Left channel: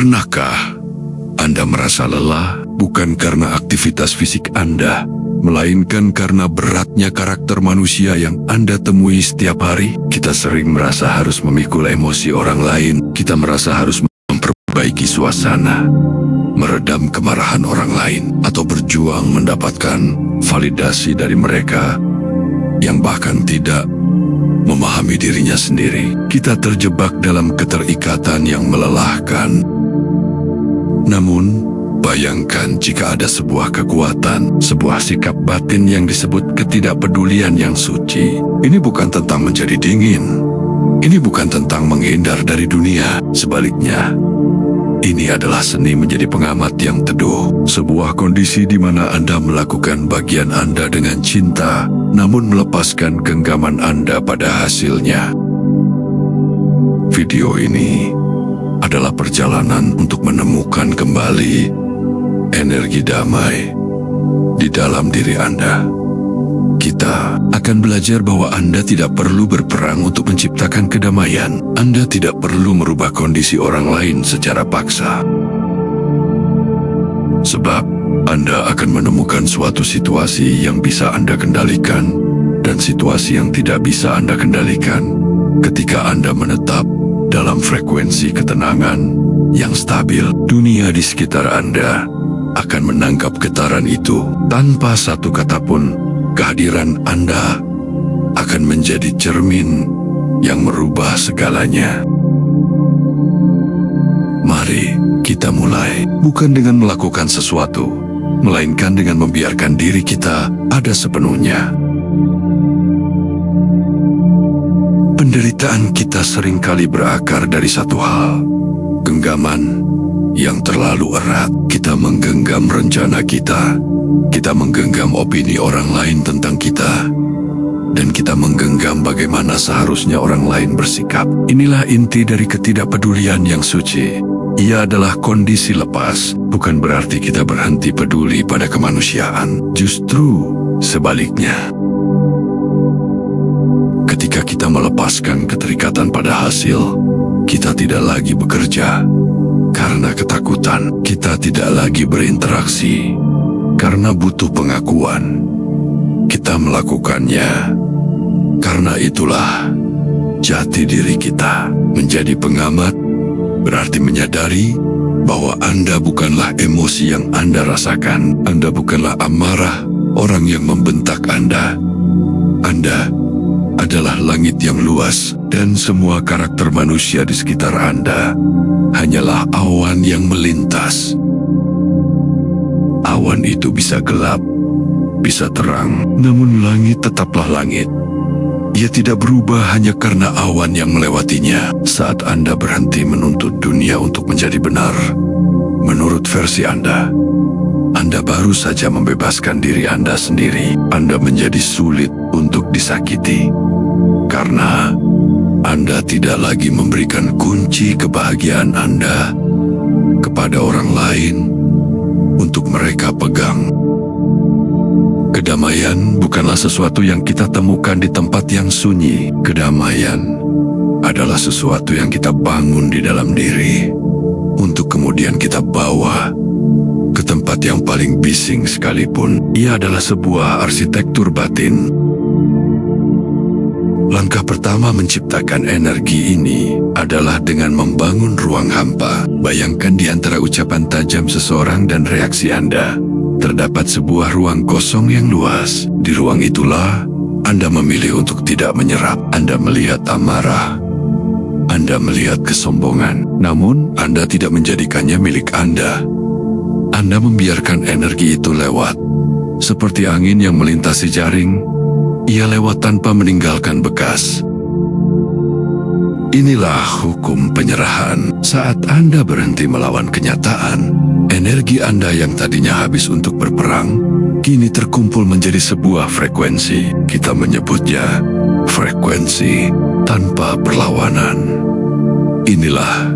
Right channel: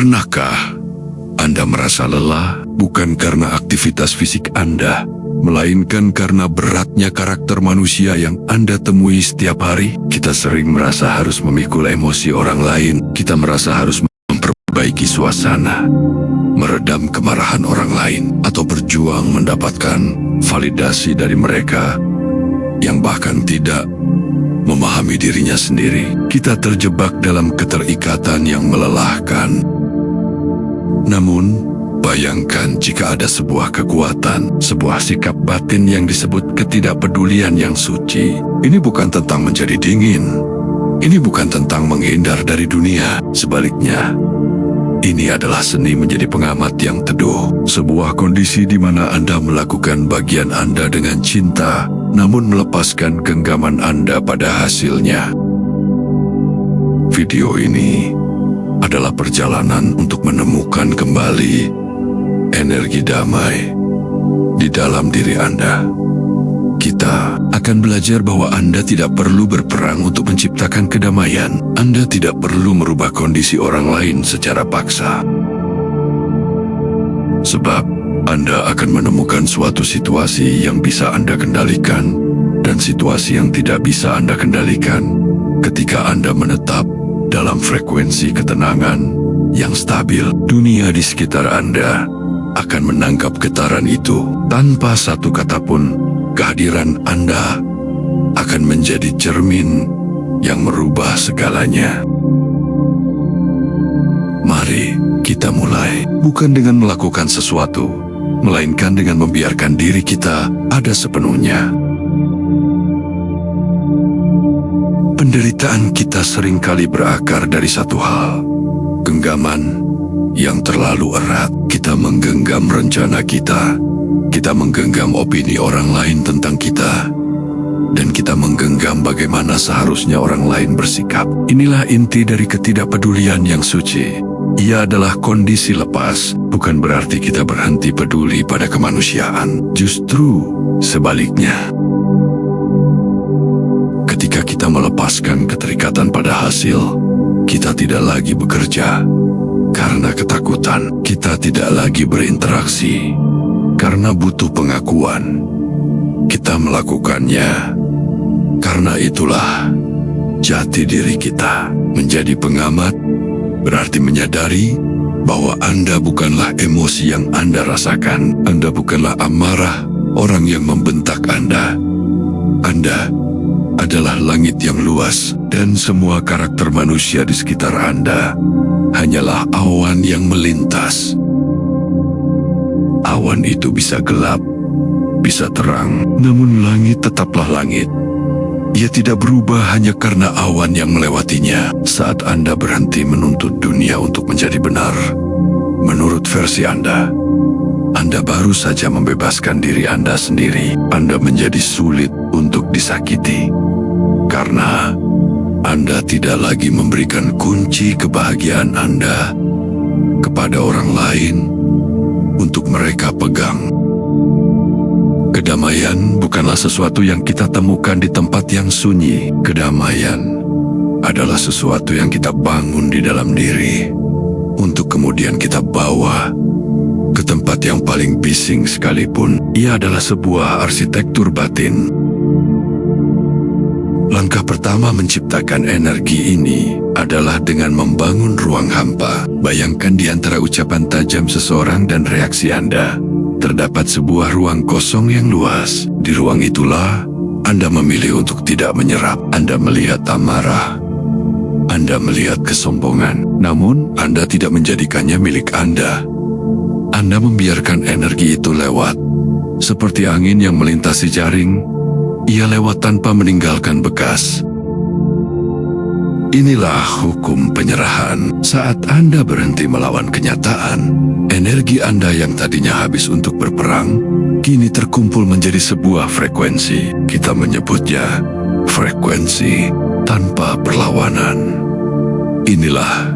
Pernahkah Anda merasa lelah bukan karena aktivitas fisik Anda, melainkan karena beratnya karakter manusia yang Anda temui setiap hari? Kita sering merasa harus memikul emosi orang lain, kita merasa harus memperbaiki suasana, meredam kemarahan orang lain, atau berjuang mendapatkan validasi dari mereka yang bahkan tidak memahami dirinya sendiri. Kita terjebak dalam keterikatan yang melelahkan. Namun, bayangkan jika ada sebuah kekuatan, sebuah sikap batin yang disebut ketidakpedulian yang suci. Ini bukan tentang menjadi dingin. Ini bukan tentang menghindar dari dunia. Sebaliknya, ini adalah seni menjadi pengamat yang teduh. Sebuah kondisi di mana Anda melakukan bagian Anda dengan cinta, namun melepaskan genggaman Anda pada hasilnya. Video ini adalah perjalanan untuk menemukan kembali energi damai di dalam diri Anda. Kita akan belajar bahwa Anda tidak perlu berperang untuk menciptakan kedamaian. Anda tidak perlu merubah kondisi orang lain secara paksa. Sebab Anda akan menemukan suatu situasi yang bisa Anda kendalikan dan situasi yang tidak bisa Anda kendalikan ketika Anda menetap dalam frekuensi ketenangan yang stabil. Dunia di sekitar Anda akan menangkap getaran itu. Tanpa satu kata pun, kehadiran Anda akan menjadi cermin yang merubah segalanya. Mari kita mulai, bukan dengan melakukan sesuatu, melainkan dengan membiarkan diri kita ada sepenuhnya. Penderitaan kita seringkali berakar dari satu hal, genggaman yang terlalu erat. Kita menggenggam rencana kita menggenggam opini orang lain tentang kita, dan kita menggenggam bagaimana seharusnya orang lain bersikap. Inilah inti dari ketidakpedulian yang suci. Ia adalah kondisi lepas, bukan berarti kita berhenti peduli pada kemanusiaan. Justru sebaliknya. Ketika kita melepaskan keterikatan pada hasil, kita tidak lagi bekerja karena ketakutan. Kita tidak lagi berinteraksi karena butuh pengakuan. Kita melakukannya karena itulah jati diri kita. Menjadi pengamat berarti menyadari bahwa Anda bukanlah emosi yang Anda rasakan. Anda bukanlah amarah orang yang membentak Anda. Anda adalah langit yang luas, dan semua karakter manusia di sekitar Anda hanyalah awan yang melintas. Awan itu bisa gelap, bisa terang, namun langit tetaplah langit. Ia tidak berubah hanya karena awan yang melewatinya. Saat Anda berhenti menuntut dunia untuk menjadi benar menurut versi Anda baru saja membebaskan diri Anda sendiri. Anda menjadi sulit untuk disakiti karena Anda tidak lagi memberikan kunci kebahagiaan Anda kepada orang lain untuk mereka pegang. Kedamaian bukanlah sesuatu yang kita temukan di tempat yang sunyi. Kedamaian adalah sesuatu yang kita bangun di dalam diri, untuk kemudian kita bawa ke tempat yang paling bising sekalipun. Ia adalah sebuah arsitektur batin. Langkah pertama menciptakan energi ini adalah dengan membangun ruang hampa. Bayangkan di antara ucapan tajam seseorang dan reaksi Anda, terdapat sebuah ruang kosong yang luas. Di ruang itulah Anda memilih untuk tidak menyerap. Anda melihat amarah, Anda melihat kesombongan, namun Anda tidak menjadikannya milik Anda. Anda membiarkan energi itu lewat. Seperti angin yang melintasi jaring, ia lewat tanpa meninggalkan bekas. Inilah hukum penyerahan. Saat Anda berhenti melawan kenyataan, energi Anda yang tadinya habis untuk berperang, kini terkumpul menjadi sebuah frekuensi. Kita menyebutnya frekuensi tanpa perlawanan. Inilah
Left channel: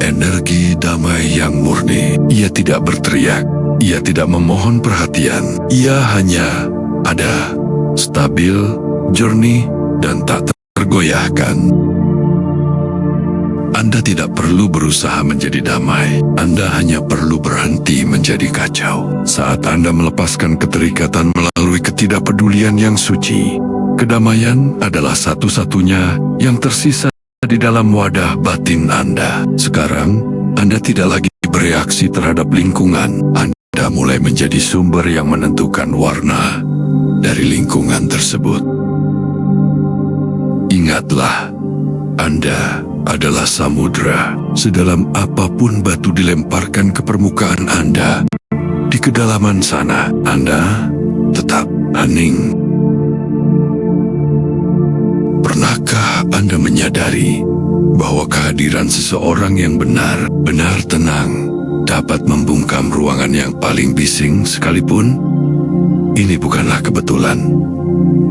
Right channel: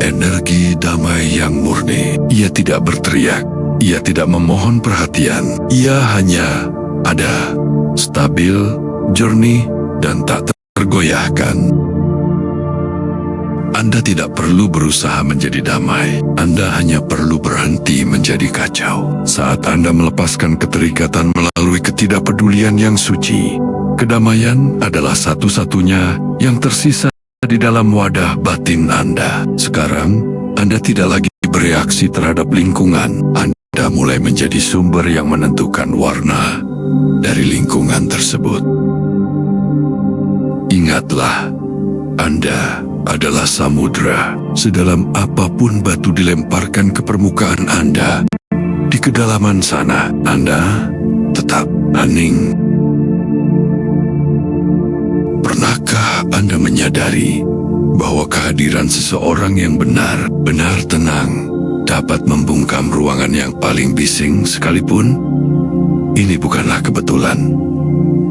energi damai yang murni. Ia tidak berteriak, ia tidak memohon perhatian. Ia hanya ada, stabil, jernih, dan tak tergoyahkan. Anda tidak perlu berusaha menjadi damai. Anda hanya perlu berhenti menjadi kacau. Saat Anda melepaskan keterikatan melalui ketidakpedulian yang suci, kedamaian adalah satu-satunya yang tersisa di dalam wadah batin Anda. Sekarang, Anda tidak lagi bereaksi terhadap lingkungan. Anda mulai menjadi sumber yang menentukan warna dari lingkungan tersebut. Ingatlah, Anda adalah samudra. Sedalam apapun batu dilemparkan ke permukaan Anda, di kedalaman sana Anda tetap hening. Pernahkah Anda menyadari bahwa kehadiran seseorang yang benar-benar tenang dapat membungkam ruangan yang paling bising sekalipun? Ini bukanlah kebetulan.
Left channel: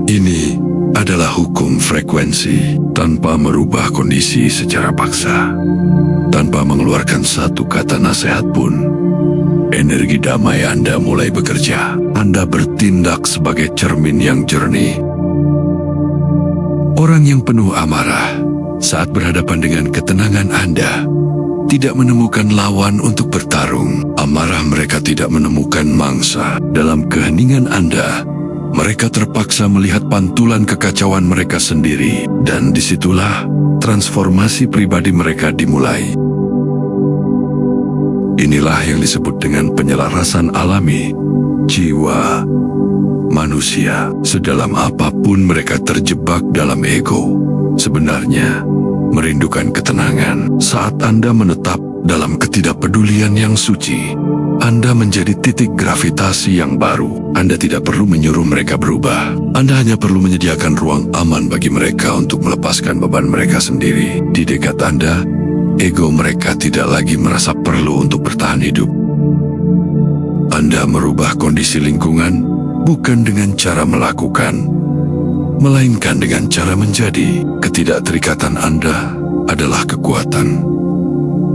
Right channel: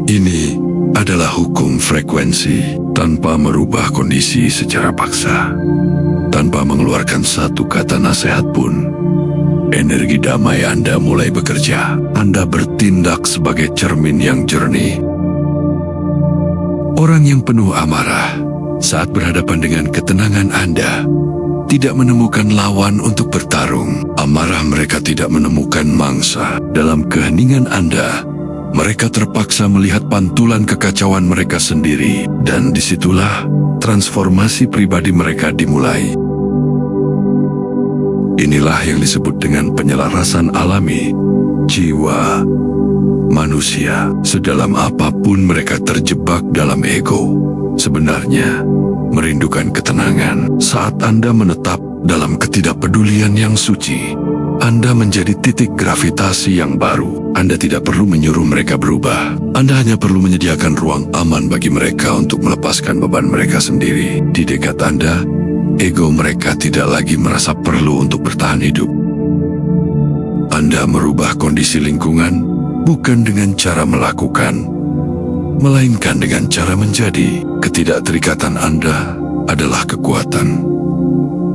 Ini adalah hukum frekuensi. Tanpa merubah kondisi secara paksa, tanpa mengeluarkan satu kata nasihat pun, energi damai Anda mulai bekerja. Anda bertindak sebagai cermin yang jernih. Orang yang penuh amarah saat berhadapan dengan ketenangan Anda tidak menemukan lawan untuk bertarung. Amarah mereka tidak menemukan mangsa. Dalam keheningan Anda, mereka terpaksa melihat pantulan kekacauan mereka sendiri, dan disitulah transformasi pribadi mereka dimulai. Inilah yang disebut dengan penyelarasan alami jiwa manusia. Sedalam apapun mereka terjebak dalam ego, sebenarnya merindukan ketenangan. Saat Anda menetap dalam ketidakpedulian yang suci, Anda menjadi titik gravitasi yang baru. Anda tidak perlu menyuruh mereka berubah. Anda hanya perlu menyediakan ruang aman bagi mereka untuk melepaskan beban mereka sendiri. Di dekat Anda, ego mereka tidak lagi merasa perlu untuk bertahan hidup. Anda merubah kondisi lingkungan bukan dengan cara melakukan, melainkan dengan cara menjadi. Ketidakterikatan Anda adalah kekuatan.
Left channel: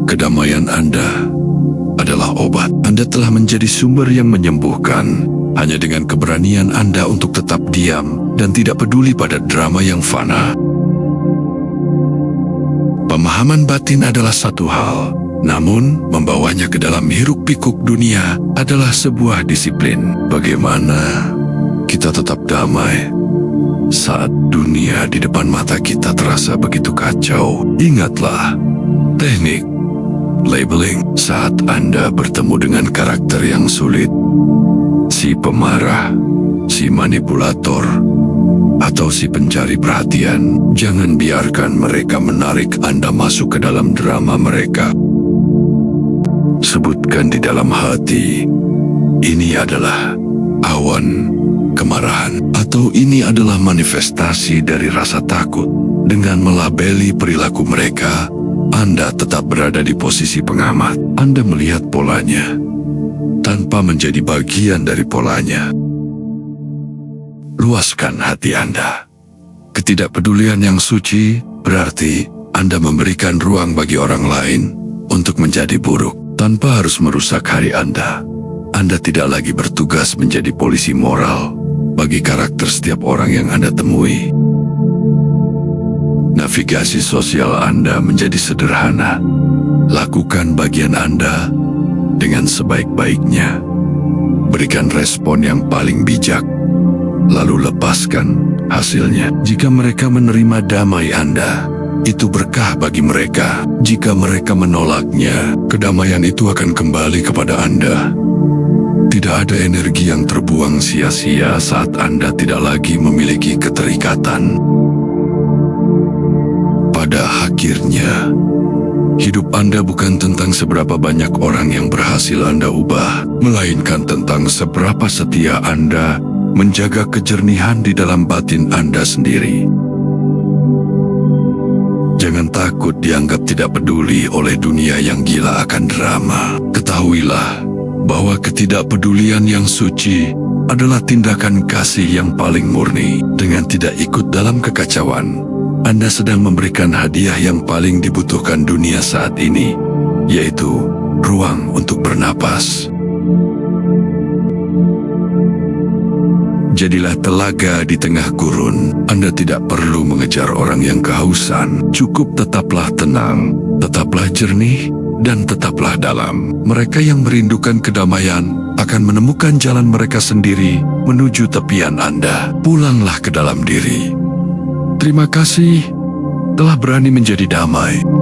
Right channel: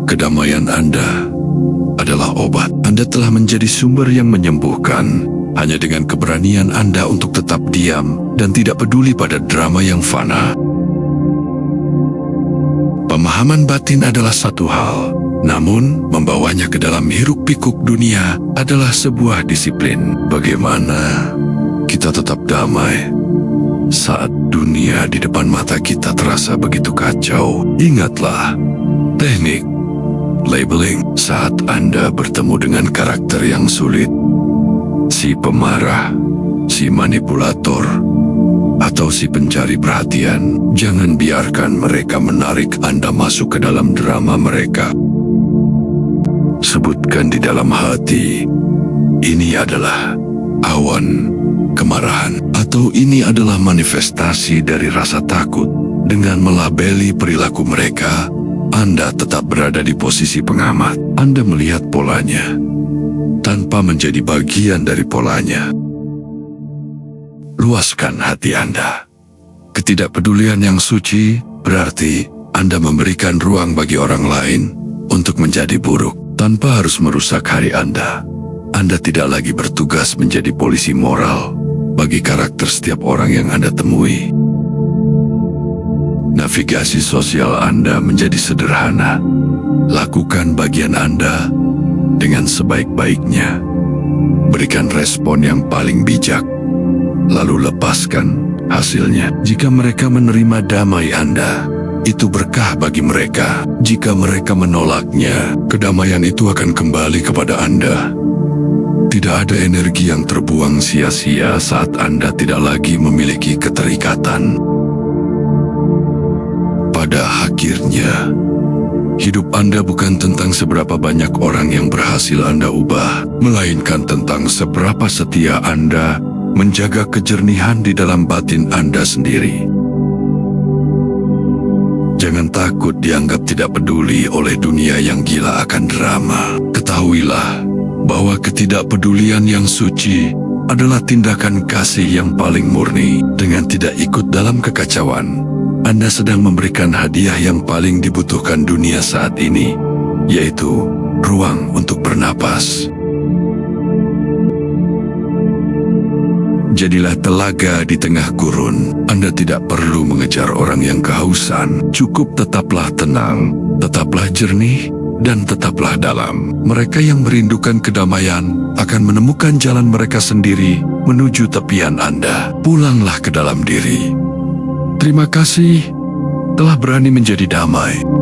Kedamaian Anda adalah obat. Anda telah menjadi sumber yang menyembuhkan hanya dengan keberanian Anda untuk tetap diam dan tidak peduli pada drama yang fana. Pemahaman batin adalah satu hal, namun membawanya ke dalam hiruk-pikuk dunia adalah sebuah disiplin. Bagaimana kita tetap damai saat dunia di depan mata kita terasa begitu kacau? Ingatlah, teknik labeling. Saat Anda bertemu dengan karakter yang sulit, si pemarah, si manipulator, atau si pencari perhatian, jangan biarkan mereka menarik Anda masuk ke dalam drama mereka. Sebutkan di dalam hati, ini adalah awan kemarahan, atau ini adalah manifestasi dari rasa takut. Dengan melabeli perilaku mereka, Anda tetap berada di posisi pengamat. Anda melihat polanya tanpa menjadi bagian dari polanya. Luaskan hati Anda. Ketidakpedulian yang suci berarti Anda memberikan ruang bagi orang lain untuk menjadi buruk tanpa harus merusak hari Anda. Anda tidak lagi bertugas menjadi polisi moral bagi karakter setiap orang yang Anda temui. Navigasi sosial Anda menjadi sederhana. Lakukan bagian Anda dengan sebaik-baiknya. Berikan respon yang paling bijak, lalu lepaskan hasilnya. Jika mereka menerima damai Anda, itu berkah bagi mereka. Jika mereka menolaknya, kedamaian itu akan kembali kepada Anda. Tidak ada energi yang terbuang sia-sia saat Anda tidak lagi memiliki keterikatan. Pada akhirnya, hidup Anda bukan tentang seberapa banyak orang yang berhasil Anda ubah, melainkan tentang seberapa setia Anda menjaga kejernihan di dalam batin Anda sendiri. Jangan takut dianggap tidak peduli oleh dunia yang gila akan drama. Ketahuilah bahwa ketidakpedulian yang suci adalah tindakan kasih yang paling murni. Dengan tidak ikut dalam kekacauan, Anda sedang memberikan hadiah yang paling dibutuhkan dunia saat ini, yaitu ruang untuk bernapas. Jadilah telaga di tengah gurun. Anda tidak perlu mengejar orang yang kehausan. Cukup tetaplah tenang, Tetaplah jernih dan tetaplah dalam. Mereka yang merindukan kedamaian akan menemukan jalan mereka sendiri menuju tepian Anda. Pulanglah ke dalam diri. Terima kasih telah berani menjadi damai.